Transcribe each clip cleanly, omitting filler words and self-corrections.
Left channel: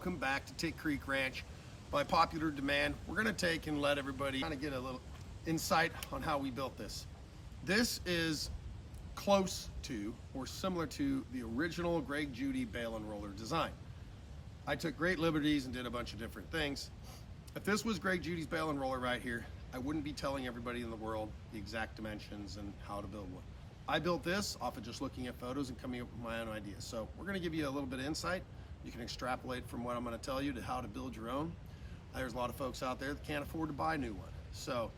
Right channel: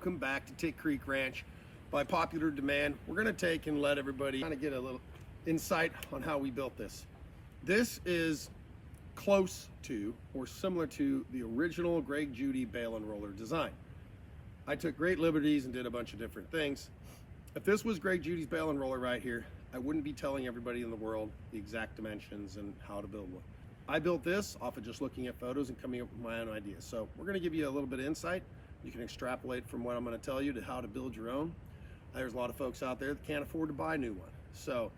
welcome back to Tick Creek Ranch. By popular demand, we're going to take and let everybody kind of get a little insight on how we built this. This is close to or similar to the original Greg Judy Bale Unroller design. I took great liberties and did a bunch of different things. If this was Greg Judy's Bale Unroller right here, I wouldn't be telling everybody in the world the exact dimensions and how to build one. I built this off of just looking at photos and coming up with my own ideas. So we're going to give you a little bit of insight. You can extrapolate from what I'm going to tell you to how to build your own. There's a lot of folks out there that can't afford to buy a new one. So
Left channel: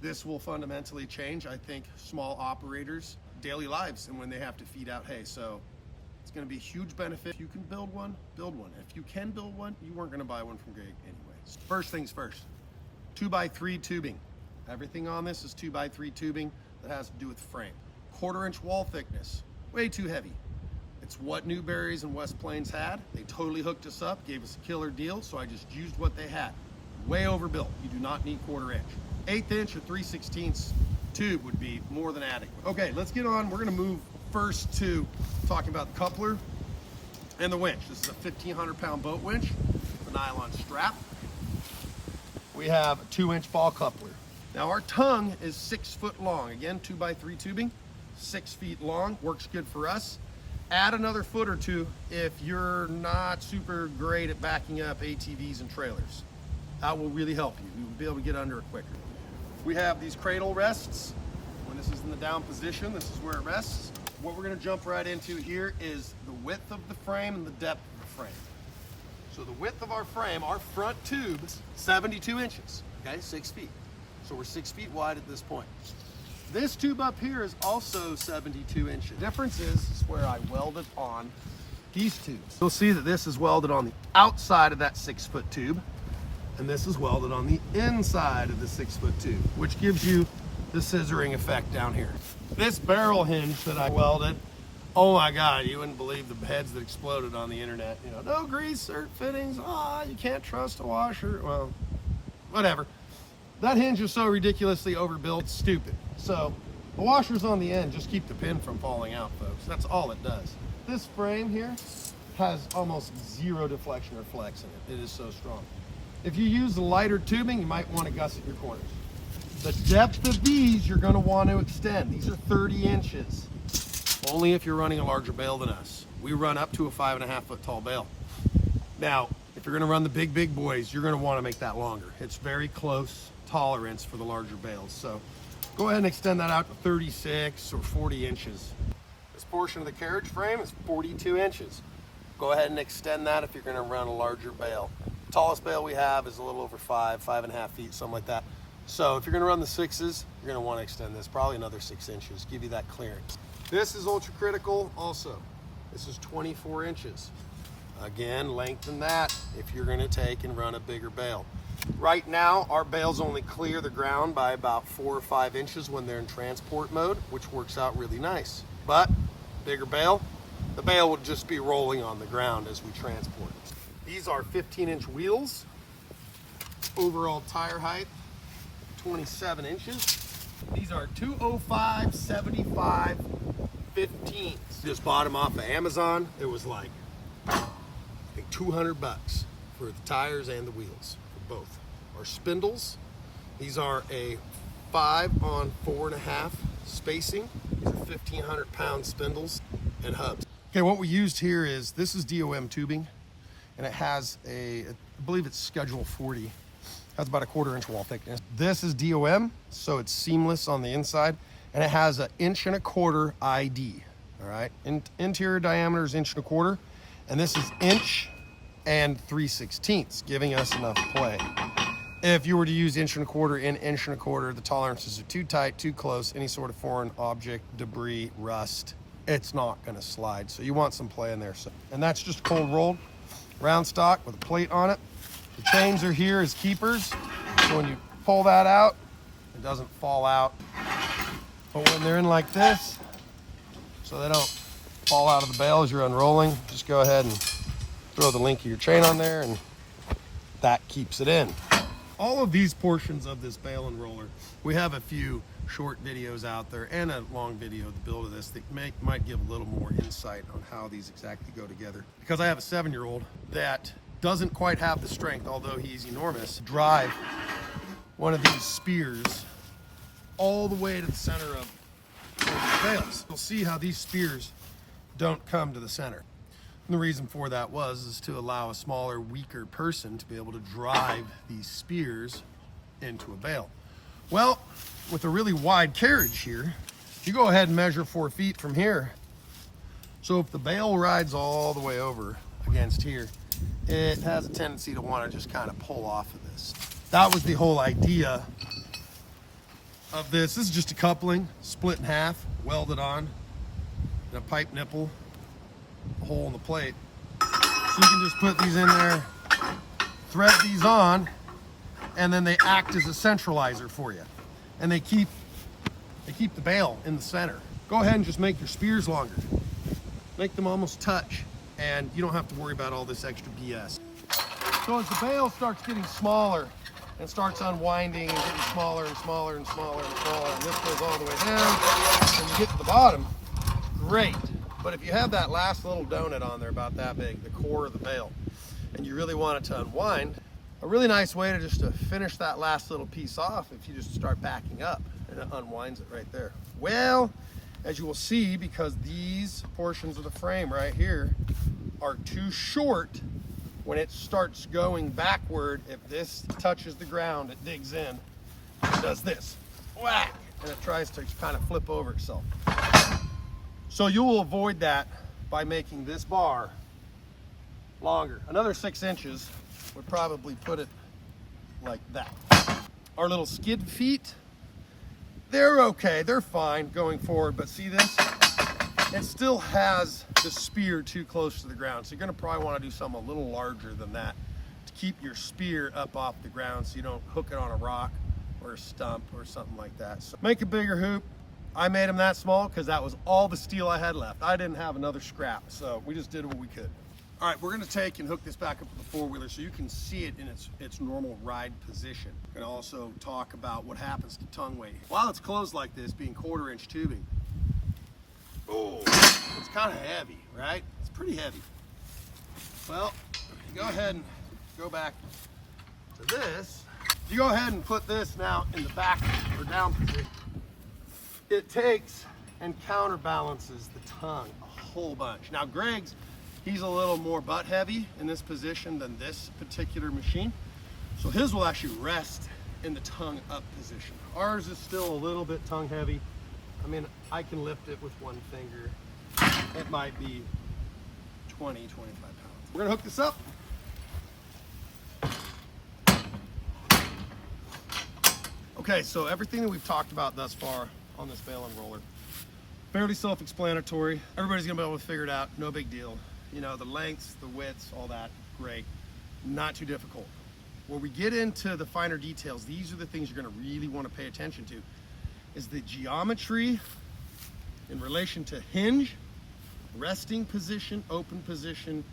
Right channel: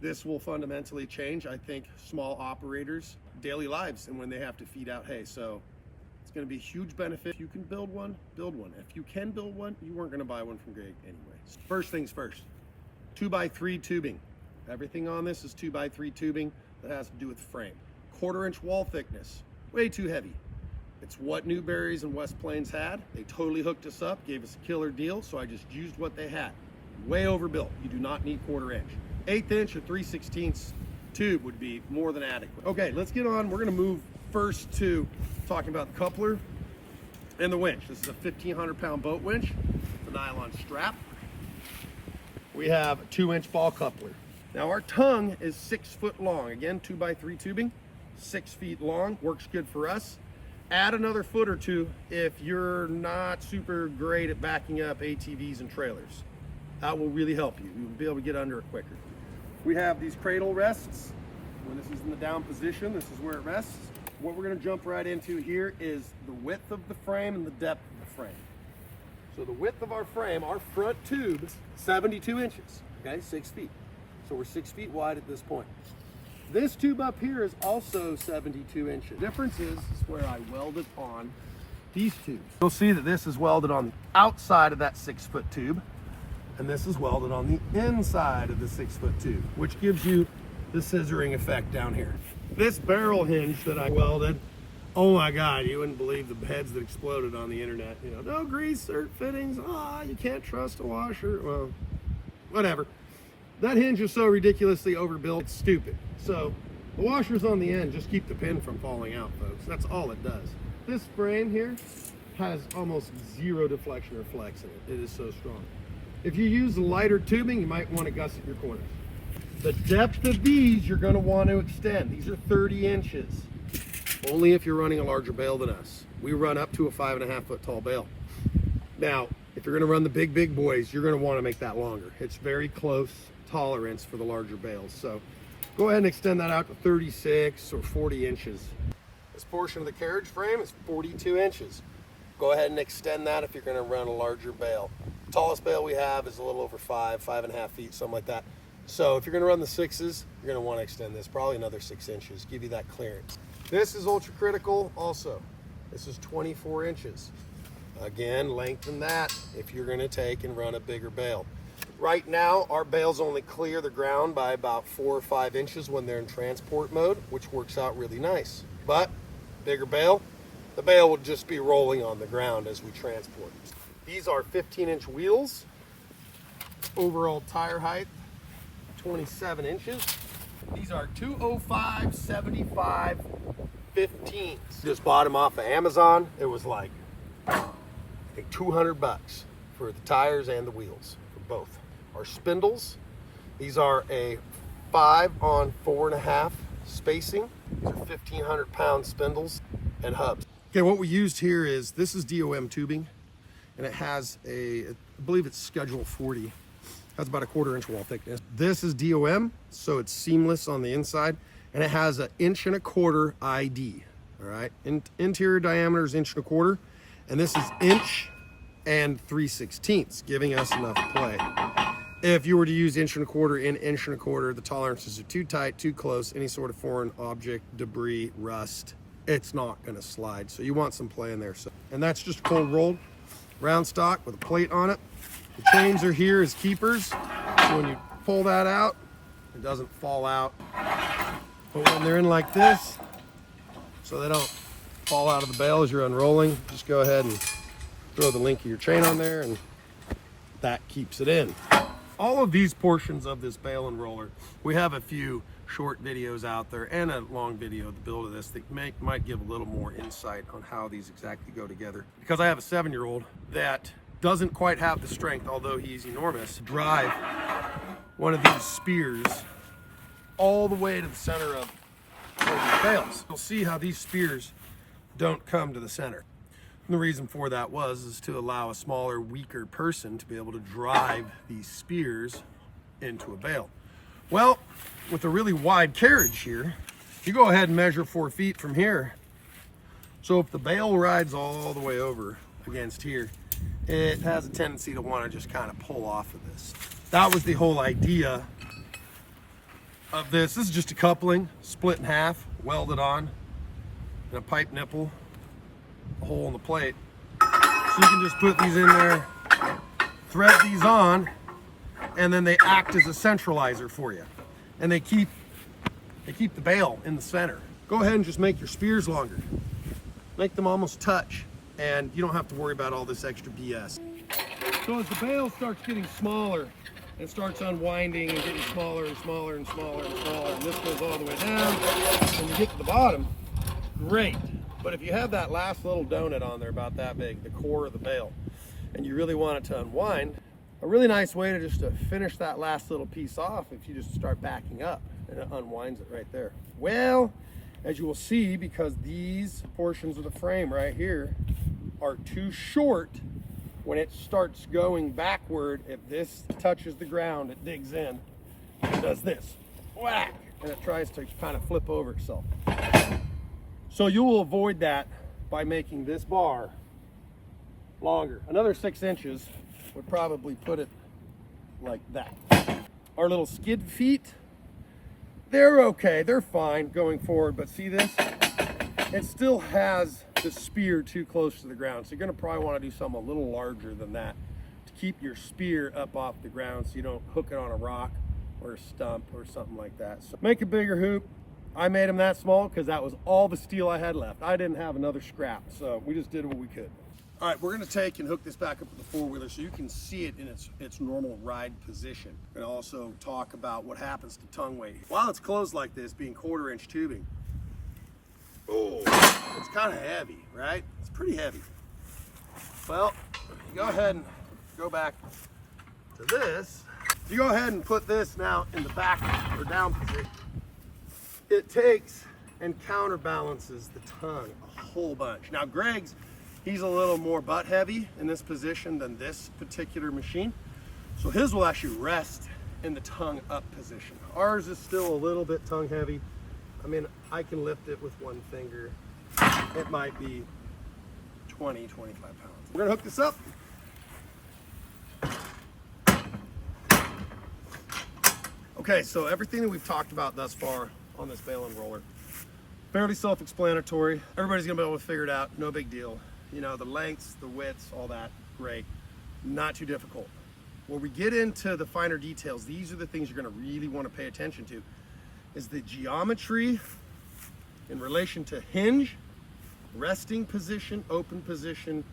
this will fundamentally change, I think, small operators' daily lives and when they have to feed out hay. So it's going to be a huge benefit. If you can build one, build one. If you can build one, you weren't going to buy one from Greg anyway. First things first, 2x3 tubing. Everything on this is 2x3 tubing that has to do with frame. 1/4-inch wall thickness, way too heavy. It's what Newberry's and West Plains had. They totally hooked us up, gave us a killer deal, so I just used what they had. Way overbuilt. You do not need 1/4-inch. 1/8 or 3/16 tube would be more than adequate. Okay, let's get on. We're gonna move first to talking about the coupler and the winch. This is a 1,500-pound boat winch, the nylon strap. We have a 2-inch ball coupler. Now our tongue is 6 foot long. Again, 2x3 tubing, 6 feet long, works good for us. Add another foot or two if you're not super great at backing up ATVs and trailers. That will really help you. You'll be able to get under it quicker. We have these cradle rests. When this is in the down position, this is where it rests. What we're gonna jump right into here is the width of the frame and the depth of the frame. So the width of our frame, our front tube, is 72 inches, okay, 6 feet. So we're 6 feet wide at this point. This tube up here is also 72 inches. The difference is where I welded on these tubes. You'll see that this is welded on the outside of that 6-foot tube, and this is welded on the inside of the 6-foot tube, which gives you the scissoring effect down here. This barrel hinge that I welded, oh my God, you wouldn't believe the heads that exploded on the internet. You know, no grease or fittings, you can't trust a washer. Well, whatever. That hinge is so ridiculously overbuilt, stupid. So the washers on the end just keep the pin from falling out, folks. That's all it does. This frame here has almost zero deflection or flex in it. It is so strong. If you use the lighter tubing, you might want to gusset your corners. The depth of these you're going to want to extend. These are 30 inches. Only if you're running a larger bale than us. We run up to a 5.5 foot tall bale. Now, if you're going to run the big boys, you're going to want to make that longer. It's very close tolerance for the larger bales. So go ahead and extend that out to 36 or 40 inches. This portion of the carriage frame is 42 inches. Go ahead and extend that if you're going to run a larger bale. The tallest bale we have is a little over 5.5 feet, something like that. So if you're going to run the 6s, you're going to want to extend this probably another 6 inches, give you that clearance. This is ultra critical also. This is 24 inches. Again, lengthen that if you're going to take and run a bigger bale. Right now, our bales only clear the ground by about 4 or 5 inches when they're in transport mode, which works out really nice. But bigger bale, the bale will just be rolling on the ground as we transport. These are 15-inch wheels. Overall tire height, 27 inches. These are 205/75 15s. Just bought them off of Amazon. It was like 200 bucks for the tires and the wheels. Both are spindles. These are a 5 on 4.5 spacing. These are 1,500-pound spindles and hubs. Okay, what we used here is, this is DOM tubing, and it has I believe it's schedule 40. That's about a 1/4-inch wall thickness. This is DOM, so it's seamless on the inside, and it has an 1.25" ID. All right, interior diameter is 1.25", and this is inch and 3/16, giving us enough play. If you were to use 1.25" in 1.25", the tolerances are too tight, too close, any sort of foreign object, debris, rust, it's not gonna slide. So you want some play in there. And that's just cold rolled, round stock with a plate on it. The chains are here as keepers. So when you pull that out, it doesn't fall out. But when they're in like this, so they don't fall out of the bale as you're unrolling, just go ahead and throw the link of your chain on there, and that keeps it in. All of these portions of this bale unroller, we have a few short videos out there and a long video of the build of this that might give a little more insight on how these exactly go together. Because I have a 7-year-old that doesn't quite have the strength, although he's enormous, to drive one of these spears all the way to the center of the bales. You'll see how these spears don't come to the center. And the reason for that is to allow a smaller, weaker person to be able to drive these spears into a bale. Well, with a really wide carriage here, you go ahead and measure 4 feet from here. So if the bale rides all the way over against here, it has a tendency to want to just kind of pull off of this. That was the whole idea of this. This is just a coupling, split in half, welded on, and a pipe nipple, a hole in the plate. So you can just put these in there, thread these on, and then they act as a centralizer for you. And they keep the bale in the center. Go ahead and just make your spears longer. Make them almost touch, and you don't have to worry about all this extra BS. So as the bale starts getting smaller and starts unwinding and getting smaller and smaller and smaller and smaller, and this goes all the way down, and you get to the bottom, great. But if you have that last little donut on there about that big, the core of the bale, and you really want it to unwind, a really nice way to finish that last little piece off, if you just start backing up, and it unwinds it right there. Well, as you will see, because these portions of the frame right here are too short, when it starts going backward, if this touches the ground, it digs in, it does this, whack, and it tries to kind of flip over itself. So you will avoid that by making this bar longer. Another 6 inches would probably put it like that. Our little skid feet, they're okay, they're fine going forward, but see this? It still has the spear too close to the ground, so you're gonna probably wanna do something a little larger than that to keep your spear up off the ground so you don't hook it on a rock or a stump or something like that. So make a bigger hoop. I made them that small because that was all the steel I had left. I didn't have another scrap, so we just did what we could. All right, we're gonna take and hook this back up with the four-wheeler so you can see it in its normal ride position. We're gonna also talk about what happens to tongue weight. While it's closed like this, being 1/4-inch tubing, oh, it's kind of heavy, right? It's pretty heavy. Well, you go ahead and go back to this. You go ahead and put this now in the back or down position. It takes and counterbalances the tongue a whole bunch. Now Greg's, he's a little more butt heavy in this position than this particular machine. So his will actually rest in the tongue up position. Ours is still a little bit tongue heavy. I mean, I can lift it with one finger. It might be 20, 25 pounds. We're gonna hook this up. Okay, so everything that we've talked about thus far on this bale unroller, fairly self-explanatory. Everybody's gonna be able to figure it out, no big deal. You know, the lengths, the widths, all that, great. Not too difficult. Where we get into the finer details, these are the things you're gonna really wanna pay attention to, is the geometry in relation to hinge, resting position, open position,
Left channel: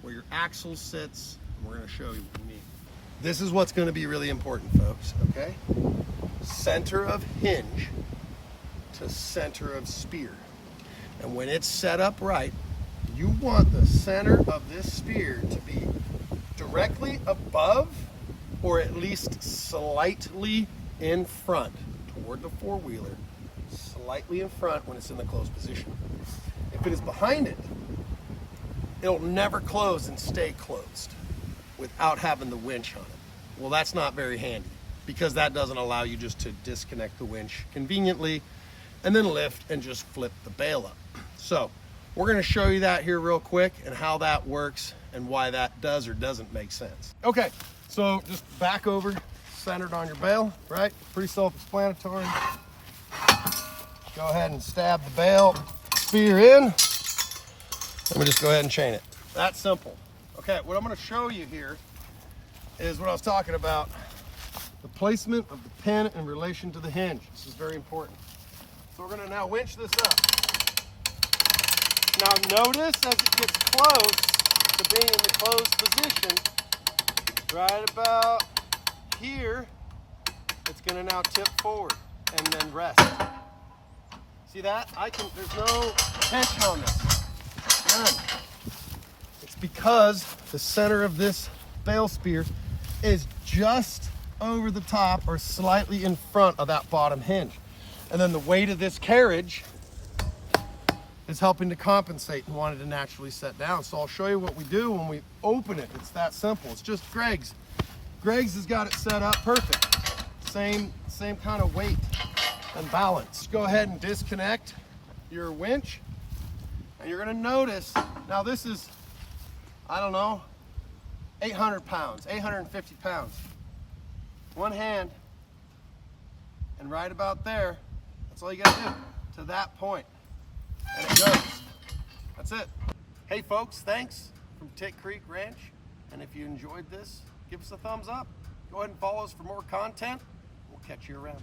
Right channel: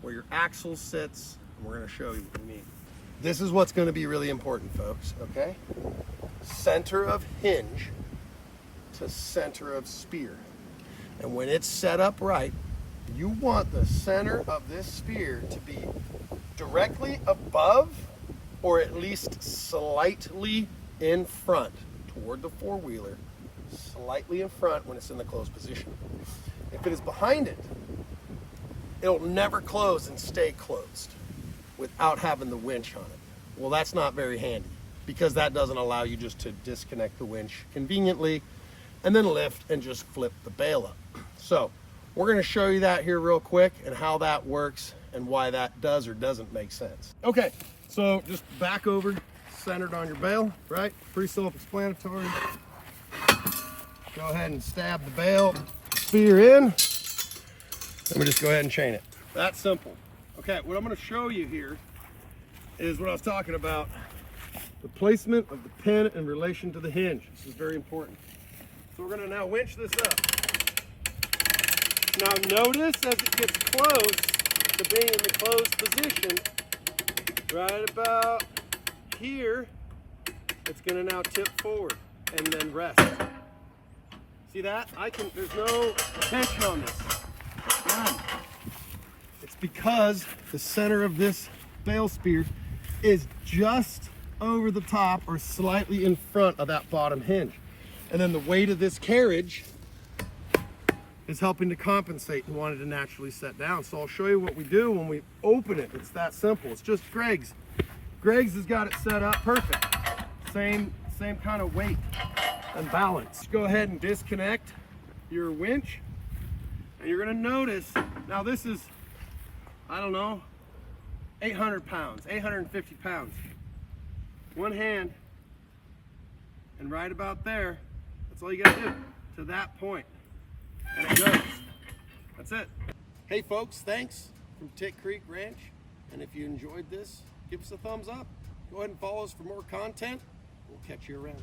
where your axle sits, and we're gonna show you what we mean. This is what's gonna be really important, folks, okay? Center of hinge to center of spear. And when it's set up right, you want the center of this spear to be directly above or at least slightly in front toward the four-wheeler, slightly in front when it's in the closed position. If it is behind it, it'll never close and stay closed without having the winch on it. Well, that's not very handy because that doesn't allow you just to disconnect the winch conveniently and then lift and just flip the bale up. So we're gonna show you that here real quick and how that works and why that does or doesn't make sense. Okay, so just back over, centered on your bale, right? Pretty self-explanatory. Go ahead and stab the bale spear in. Let me just go ahead and chain it. That's simple. Okay, what I'm gonna show you here is what I was talking about, the placement of the pin in relation to the hinge. This is very important. So we're gonna now winch this up. Now notice as it gets close to being in the closed position, right about here, it's gonna now tip forward and then rest. See that? There's no tension on this. None. It's because the center of this bale spears is just over the top or slightly in front of that bottom hinge. And then the weight of this carriage is helping to compensate and want it to naturally set down. So I'll show you what we do when we open it. It's that simple. It's just Greg's. Greg's has got it set up perfect. Same kind of weight and balance. Go ahead and disconnect your winch. And you're gonna notice, now this is, I don't know, 800 pounds, 850 pounds. One hand, and right about there, that's all you gotta do, to that point. And it goes. That's it. Hey folks, thanks from Tick Creek Ranch. And if you enjoyed this, give us a thumbs up. Go ahead and follow us for more content. We'll catch you around.